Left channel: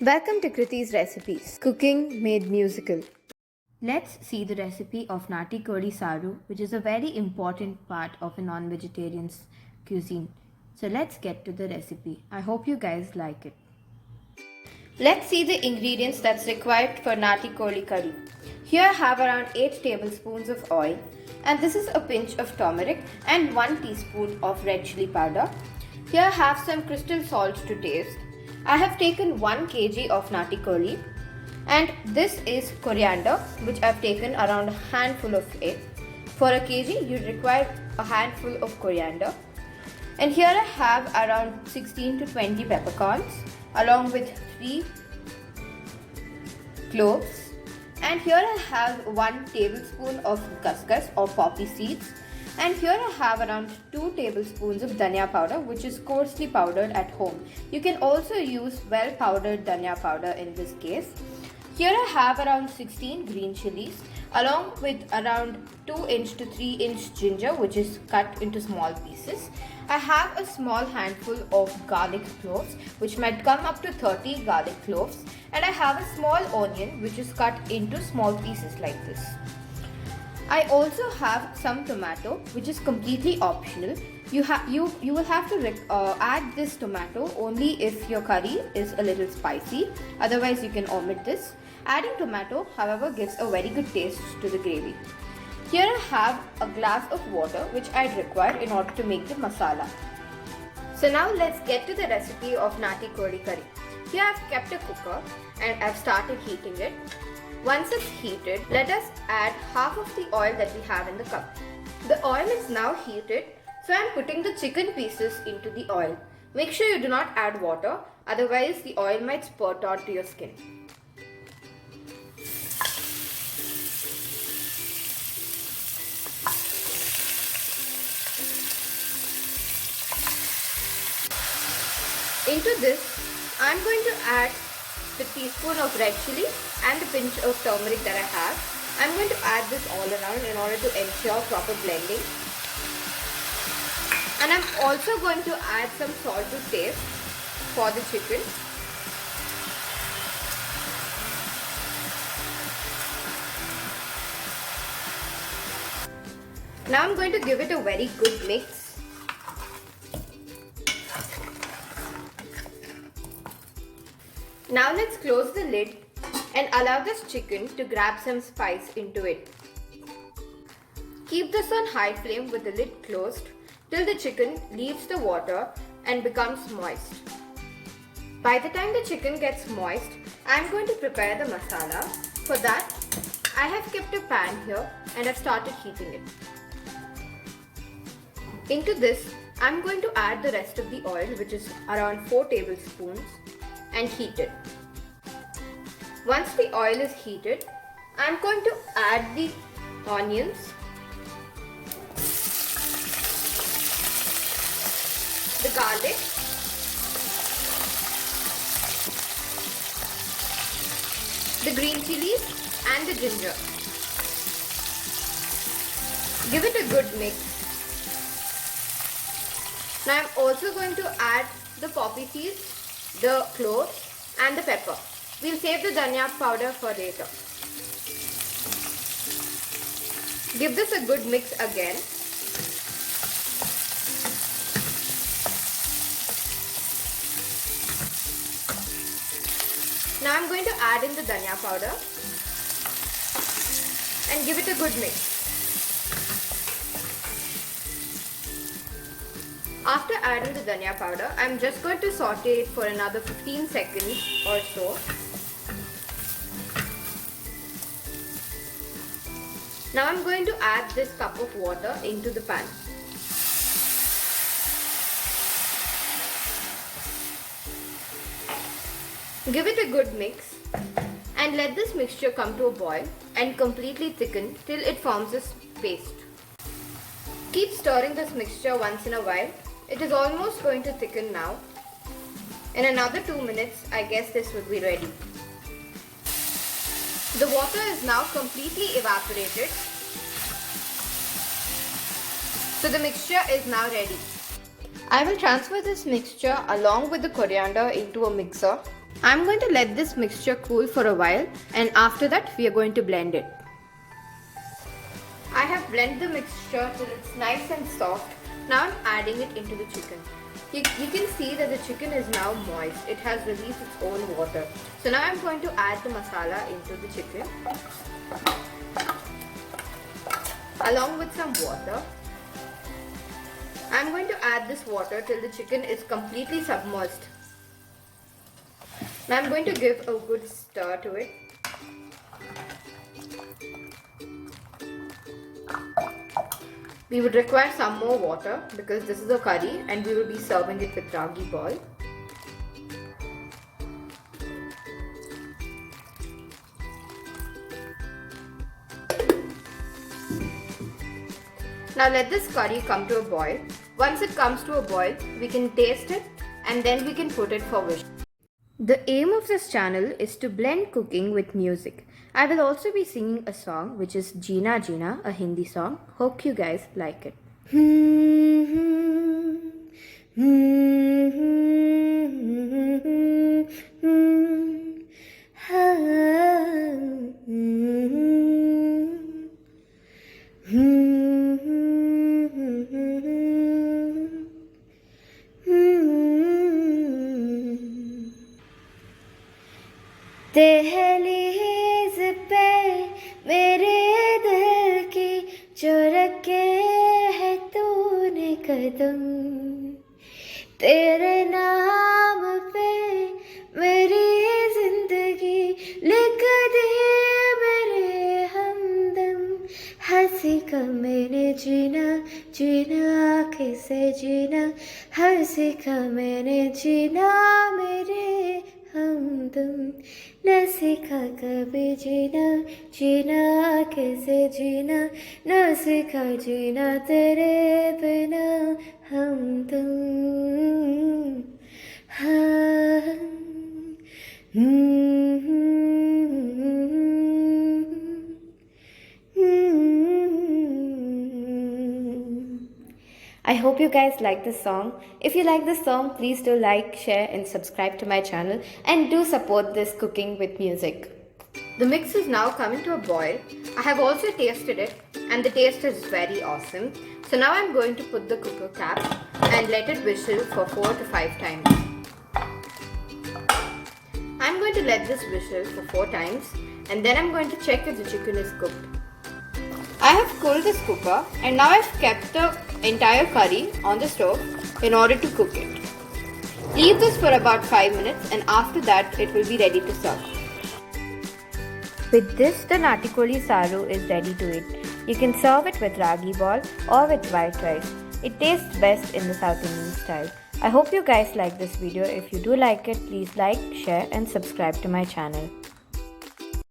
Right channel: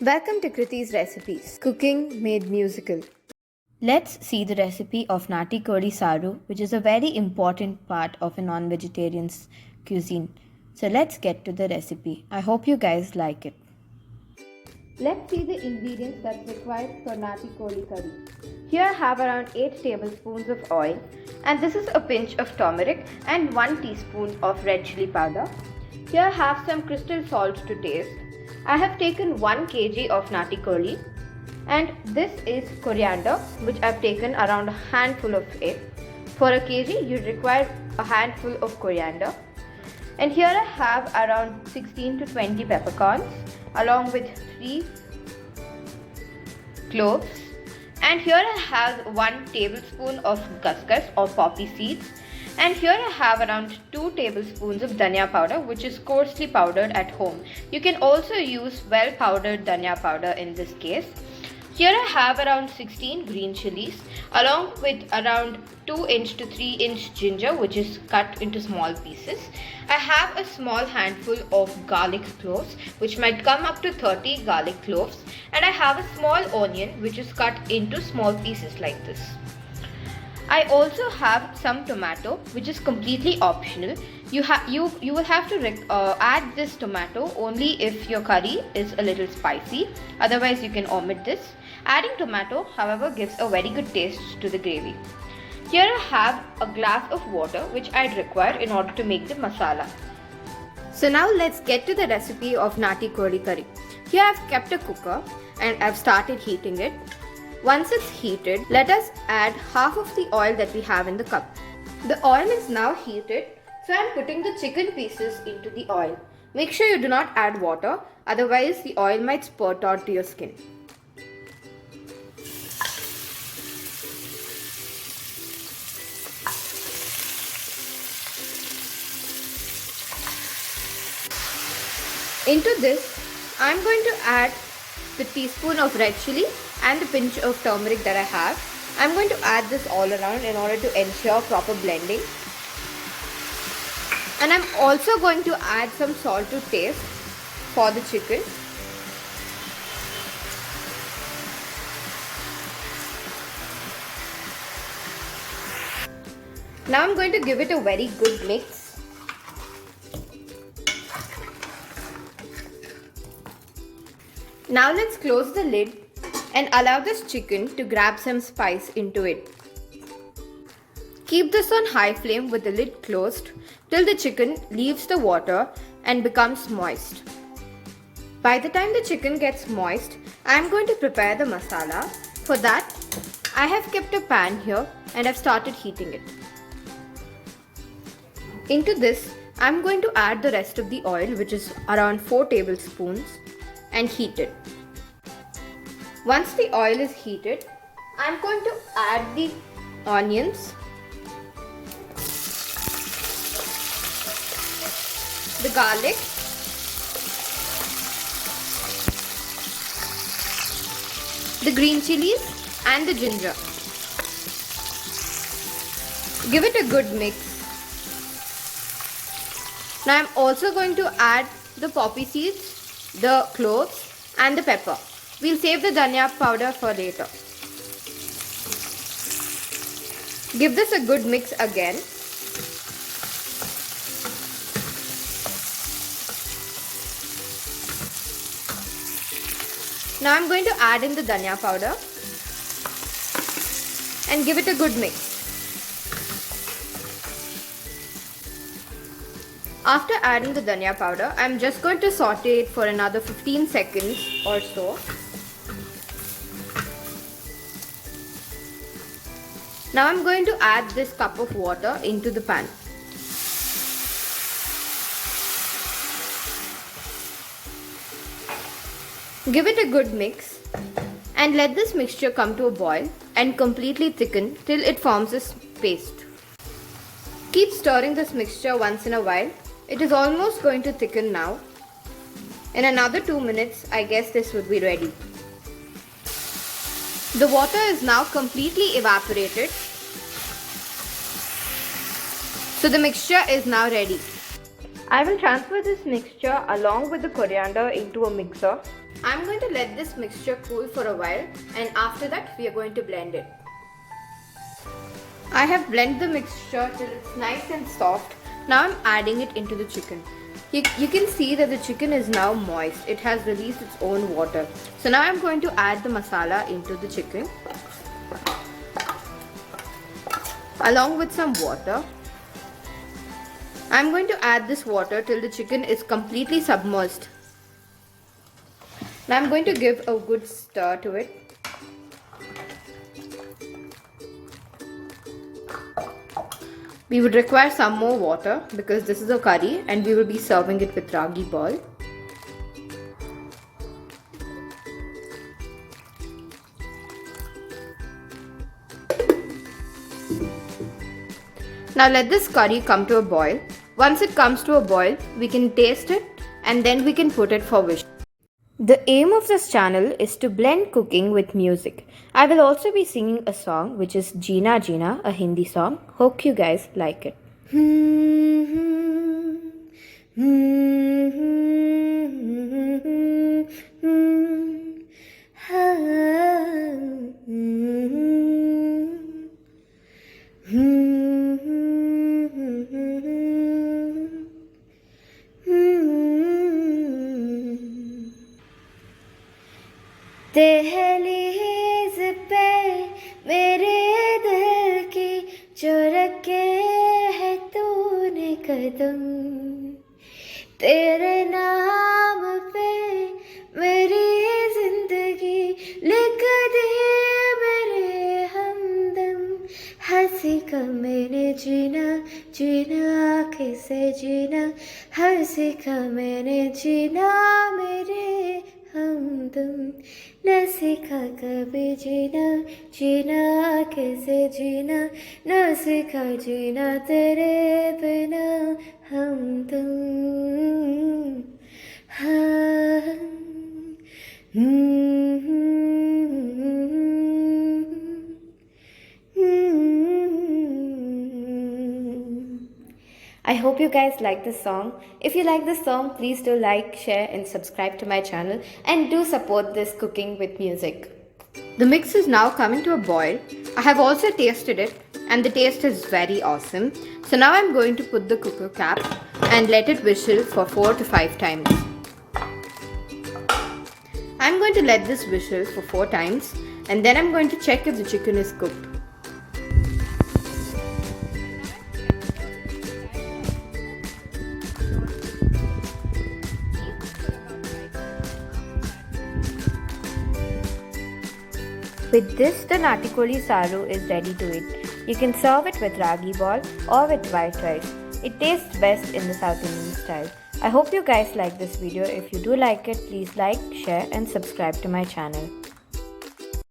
Welcome to Kriti's Recipes, Cooking Made Musical. Let's see the recipe of Nati Kodi Saru, which is a very important part of a non-vegetarian's cuisine. So let's get to the recipe. I hope you guys like it. Let's see the ingredients that's required for Nati Kodi curry. Here I have around 8 tablespoons of oil, and this is a pinch of turmeric and 1 teaspoon of red chili powder. Here I have some crystal salt to taste. I have taken 1 kg of Nati Kodi, and this is coriander, which I've taken around a handful of it. For a kg, you require a handful of coriander. And here I have around 16 to 20 peppercorns, along with 3 cloves. And here I have 1 tablespoon of khaskhas or poppy seeds. And here I have around 2 tablespoons of dhania powder, which is coarsely powdered at home. You can also use well powdered dhania powder in this case. Here I have around 16 green chilies, along with around 2-inch to 3-inch ginger, which is cut into small pieces. I have a small handful of garlic cloves, which might come up to 30 garlic cloves. And I have a small onion, which is cut into small pieces like this. I also have some tomato, which is completely optional. You will have to add this tomato only if your curry is a little spicy. Otherwise, you can omit this. Adding tomato, however, gives a very good taste to the gravy. Here I have a glass of water, which I'd require in order to make the masala. So now let's get to the recipe of Nati Kodi curry. Here I've kept a cooker and I've started heating it. Once it's heated, let us add half of the oil that we have in the cup. The oil is now heated, so I'm putting the chicken pieces into the oil. Make sure you do not add water, otherwise the oil might spurt onto your skin. Into this, I'm going to add the teaspoon of red chili and the pinch of turmeric that I have. I'm going to add this all around in order to ensure proper blending. And I'm also going to add some salt to taste for the chicken. Now I'm going to give it a very good mix. Now let's close the lid and allow this chicken to grab some spice into it. Keep this on high flame with the lid closed till the chicken leaves the water and becomes moist. By the time the chicken gets moist, I am going to prepare the masala. For that, I have kept a pan here and I've started heating it. Into this, I am going to add the rest of the oil, which is around 4 tablespoons, and heat it. Once the oil is heated, I am going to add the onions, the garlic, the green chilies and the ginger. Give it a good mix. Now I am also going to add the poppy seeds, the cloves and the pepper. We'll save the dhania powder for later. Give this a good mix again. Now I'm going to add in the dhania powder and give it a good mix. After adding the dhania powder, I'm just going to saute it for another 15 seconds or so. Now I'm going to add this cup of water into the pan. Give it a good mix and let this mixture come to a boil and completely thicken till it forms a paste. Keep stirring this mixture once in a while. It is almost going to thicken now. In another 2 minutes, I guess this would be ready. The water is now completely evaporated. So the mixture is now ready. I will transfer this mixture along with the coriander into a mixer I'm going to let this mixture cool for a while, and after that we are going to blend it. I have blended the mixture till it's nice and soft. Now I'm adding it into the chicken. You can see that the chicken is now moist. It has released its own water. So now I'm going to add the masala into the chicken along with some water. I'm going to add this water till the chicken is completely submerged. Now I'm going to give a good stir to it. We would require some more water because this is a curry and we will be serving it with ragi ball. Now let this curry come to a boil. Once it comes to a boil, we can taste it and then we can put it for wishing. The aim of this channel is to blend cooking with music. I will also be singing a song which is Jeena Jeena, a Hindi song. Hope you guys like it. दहलीज पे मेरे दिल की जो रखे है तूने कदम, तेरे नाम पे मेरी जिंदगी लिख दी मेरे हमदम। हंसी का मैंने जीना जीना आँखें से जीना, हंसी का मैंने जीना मेरे हमदम। न सीखा कभी जीना जीना कैसे जीना, न सीखा जीना तेरे बिना हमदम। हाँ I hope you guys like this song. If you like this song, please do like, share and subscribe to my channel and do support this cooking with music. The mix is now coming to a boil. I have also tasted it and the taste is very awesome. So now I'm going to put the cooker cap and let it whistle for 4 to 5 times. I'm going to let this whistle for 4 times and then I'm going to check if the chicken is cooked. I have cooled this cooker and now I've kept the entire curry on the stove in order to cook it. Leave this for about 5 minutes and after that it will be ready to serve. With this, the Natikoli Saru is ready to eat. You can serve it with ragi ball or with white rice. It tastes best in the South Indian style. I hope you guys like this video. If you do like it, please like, share and subscribe to my channel.